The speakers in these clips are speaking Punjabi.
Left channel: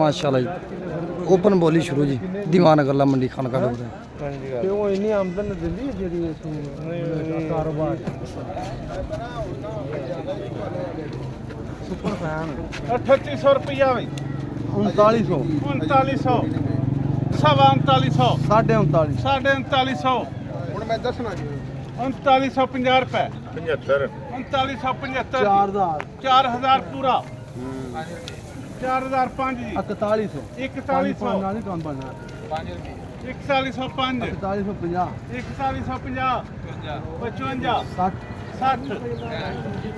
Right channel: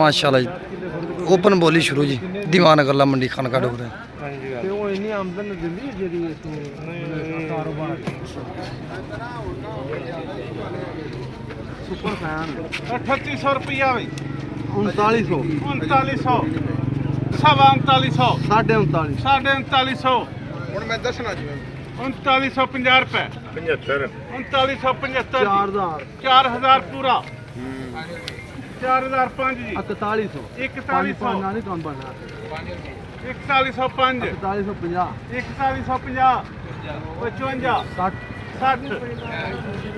माशाल्लाह जी ओपन बोली शुरू जी दीवान गला मंडी खानका डोगरे ਤੇ ਉਹ ਇੰਨੀ ਆਮਦਨ ਦਿੰਦੀ ਹੈ ਜਿਹੜੀ ਕਾਰੋਬਾਰ ਸੁਪਰ ਫੈਨ 3800 रुपया भाई 3900 3900 सवा 3900 3950 साढ़े 3900 ਹੁਣ ਮੈਂ ਦੱਸਣਾ ਜੀ 3950 रुपए 75 3975 4000 4000 पूरा 4005 जी 4100 4100 ਨਾਲ ਹੀ ਕੰਮ ਬਣਦਾ 4105 4150 4150 55 60 60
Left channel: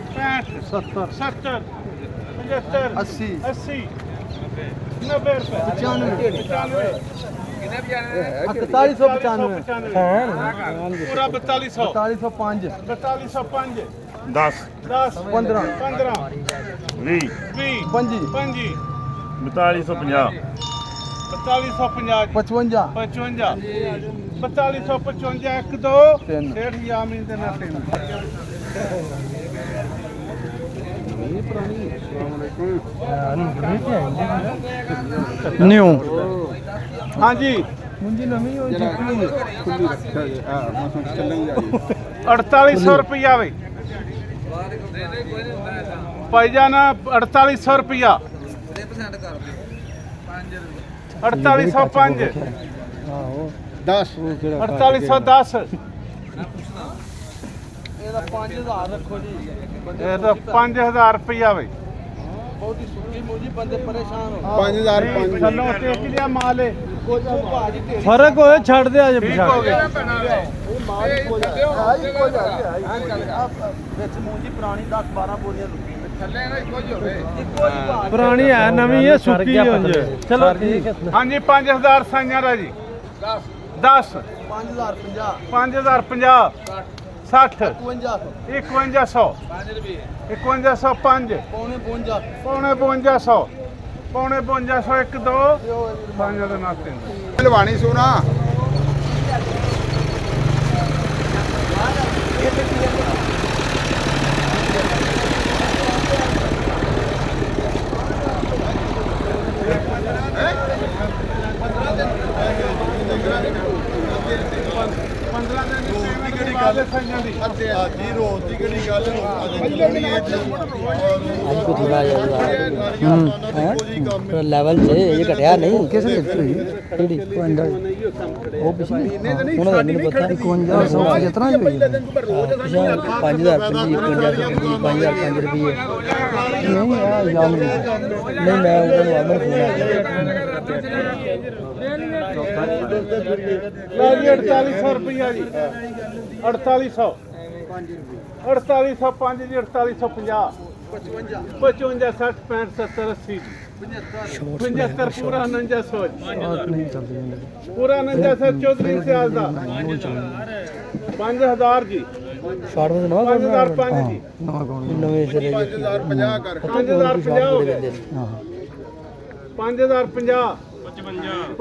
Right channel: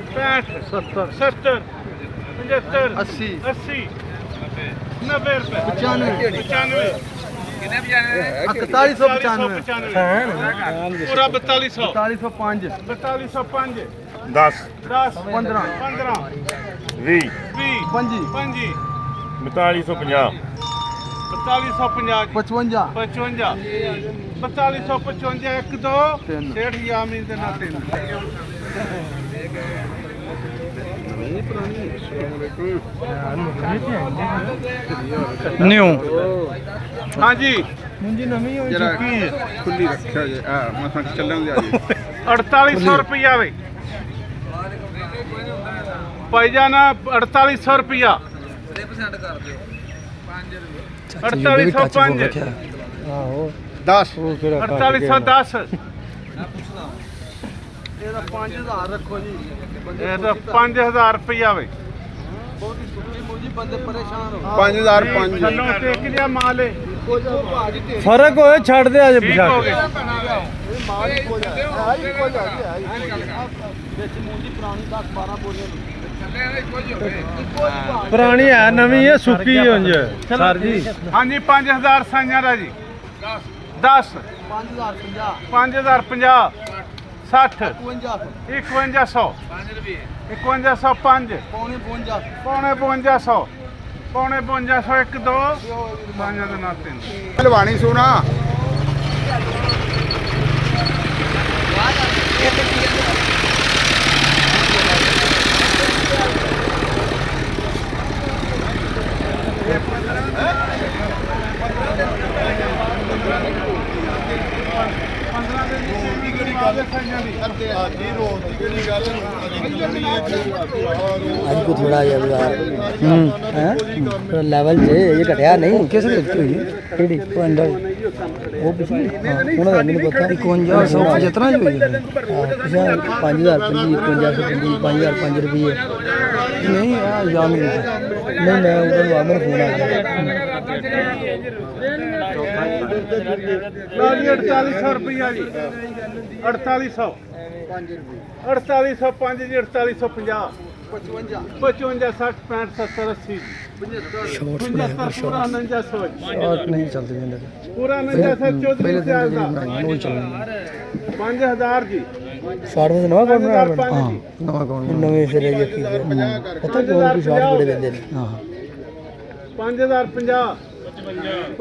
65 70 70 75 80 80 90 रुपए 95 95 4195 पूरा 4200 4105 4205 10 10 15 15 20 20 ਪੰਜੀ 25 4250 4250 55 55 4255 1 2 ਤਿੰਨ। 1.5 ਯਾਮੀ ਦੇ ਨਾਲ ਤਿੰਨ न्यू हाँ जी ਮੁੰਜੀ ਨਵੀਂ ਹੋਈ ਜਰਾ ਚੁੱਕੀ ਹੈ खुली रखा जे मसा चलन जा 4800 रुपया वे भाईजान 4800 रुपया 4805 10 4810 ਇਹਦਾ 5000 ਰੱਖੋ ਜੀ ਇਹ ਤਾਂ 5000 ਰੁਪਇਆ ਵੇ ਬਹੁਤੀ ਸੁੱਕੀ ਮੁੰਜੀ ਬੰਦੇ ਪਰੇਸ਼ਾਨ ਹੋ 5005 ਚਲੋ ਟੇਕ ਲਿਆ ਮਾਲ ਏ ਫਰਕ ਹੋਏ ਛੱਡ ਦੇ ਅੱਜ ਠੀਕ ਹੋ ਗਿਆ ਵਿੱਚ ਮੁੰਜੀ ਪੁਰਾਣੀ 10 12 ਬੋਲੇ ਪੁਰਾਣੀ ਹੈ ਨਵੀਂ ਹੈ ਸੁੱਕੀ ਹੁੰਜ ਸਰ ਜੀ ਹਾਂਜੀ 5000 ਸਾਈਆਂ ਦਾ ਜੀ 10 5050 60 5100 5105 ਪੌਣੇ 52 ਪੌਣੇ 5200 ਪੌਣੇ 5200 1 2 5 ਦੇ ਨਾਲ 3 ਹਲਵਾਣੀ ਸੋਨਾ हमको थोड़ा लेवल से ये घटिया नहीं कैसे अंडर वो पिछली उन्होंने मैंने पता 5100 जितना ही हुई 5000 5000 रुपये नहीं यार नहीं मैं उनको ਲਓ ਜੀ 4800 ਰੁਪਇਆ ਜੀ 4800 4805 ਜੀ 4850 55 60 65 70 80 75 पूरा 4900 शॉर्ट नहीं चलते मेरे पूरा 4900 चौधरी सियाल दा वो चल 5000 जी शॉर्ट में नवा कौन हां नवा कौन नवे सिरे के पता नहीं और शॉर्ट बड़े देंगे हां 5050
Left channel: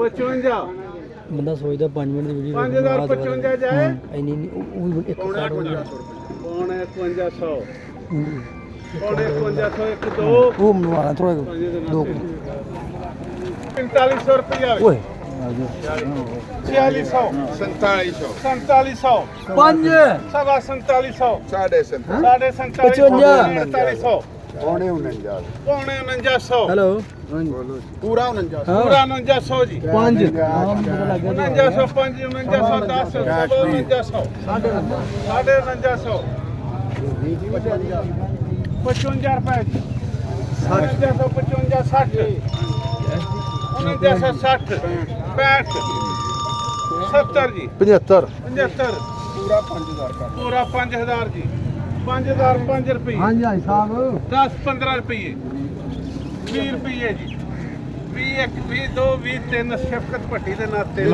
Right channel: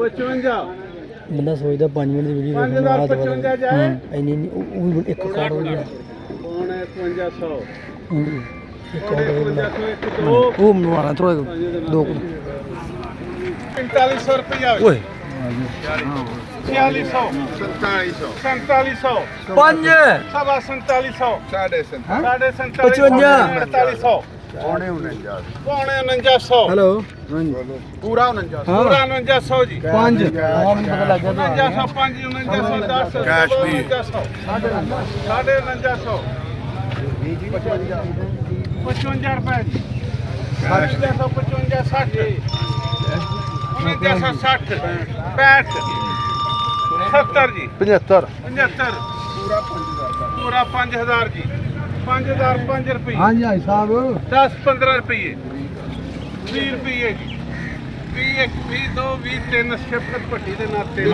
55 ਬੰਦਾ ਸੋਚਦਾ 5 ਮਿੰਟ ਦੀ ਵੀਡੀਓ 5055 ਜਾਏ ਇੰਨੀ ਉਹ ਇੱਕ ਕਾਰਡ ਹੋ ਗਿਆ ਪੌਣੇ 5100 ਹਾਂਜੀ ਪੌਣੇ 5100 1 2 ਉਹ ਮਨਵਾਣਾ ਥੋੜਾ ਦੋ 4500 ਰੁਪਇਆ ਓਏ 4600 4700 4700 ਪੰਜ ਸਵਾ 4700 ਸਾਢੇ 55 4800 ਪੌਣੇ 49 ਪੌਣੇ 4900 ਹੈਲੋ ਪੂਰਾ 49 ਪੂਰਾ 4900 ਜੀ 5 ਪਤਾ ਲੱਗ ਗਿਆ 4905 4910 ਕੈਸ਼ ਵੀ। 4900 ਸਾਢੇ 4900 55 ਰੁਪਏ ਜੀ 4955 60 4960 65 70 ਜੀ 75 75 ਪੂਰਾ 5000 ਦਾ ਪੂਰਾ 5000 ਜੀ 5000 5 ਰੁਪਏ ਹਾਂਜੀ ਭਾਈ ਸਾਹਿਬ 10 15 ਰੁਪਏ 20 ਰੁਪਏ ਜੀ 21 22 23 ਸ਼ਫਕਤ ਭੱਟੀ ਦੇ ਨਾਤੇ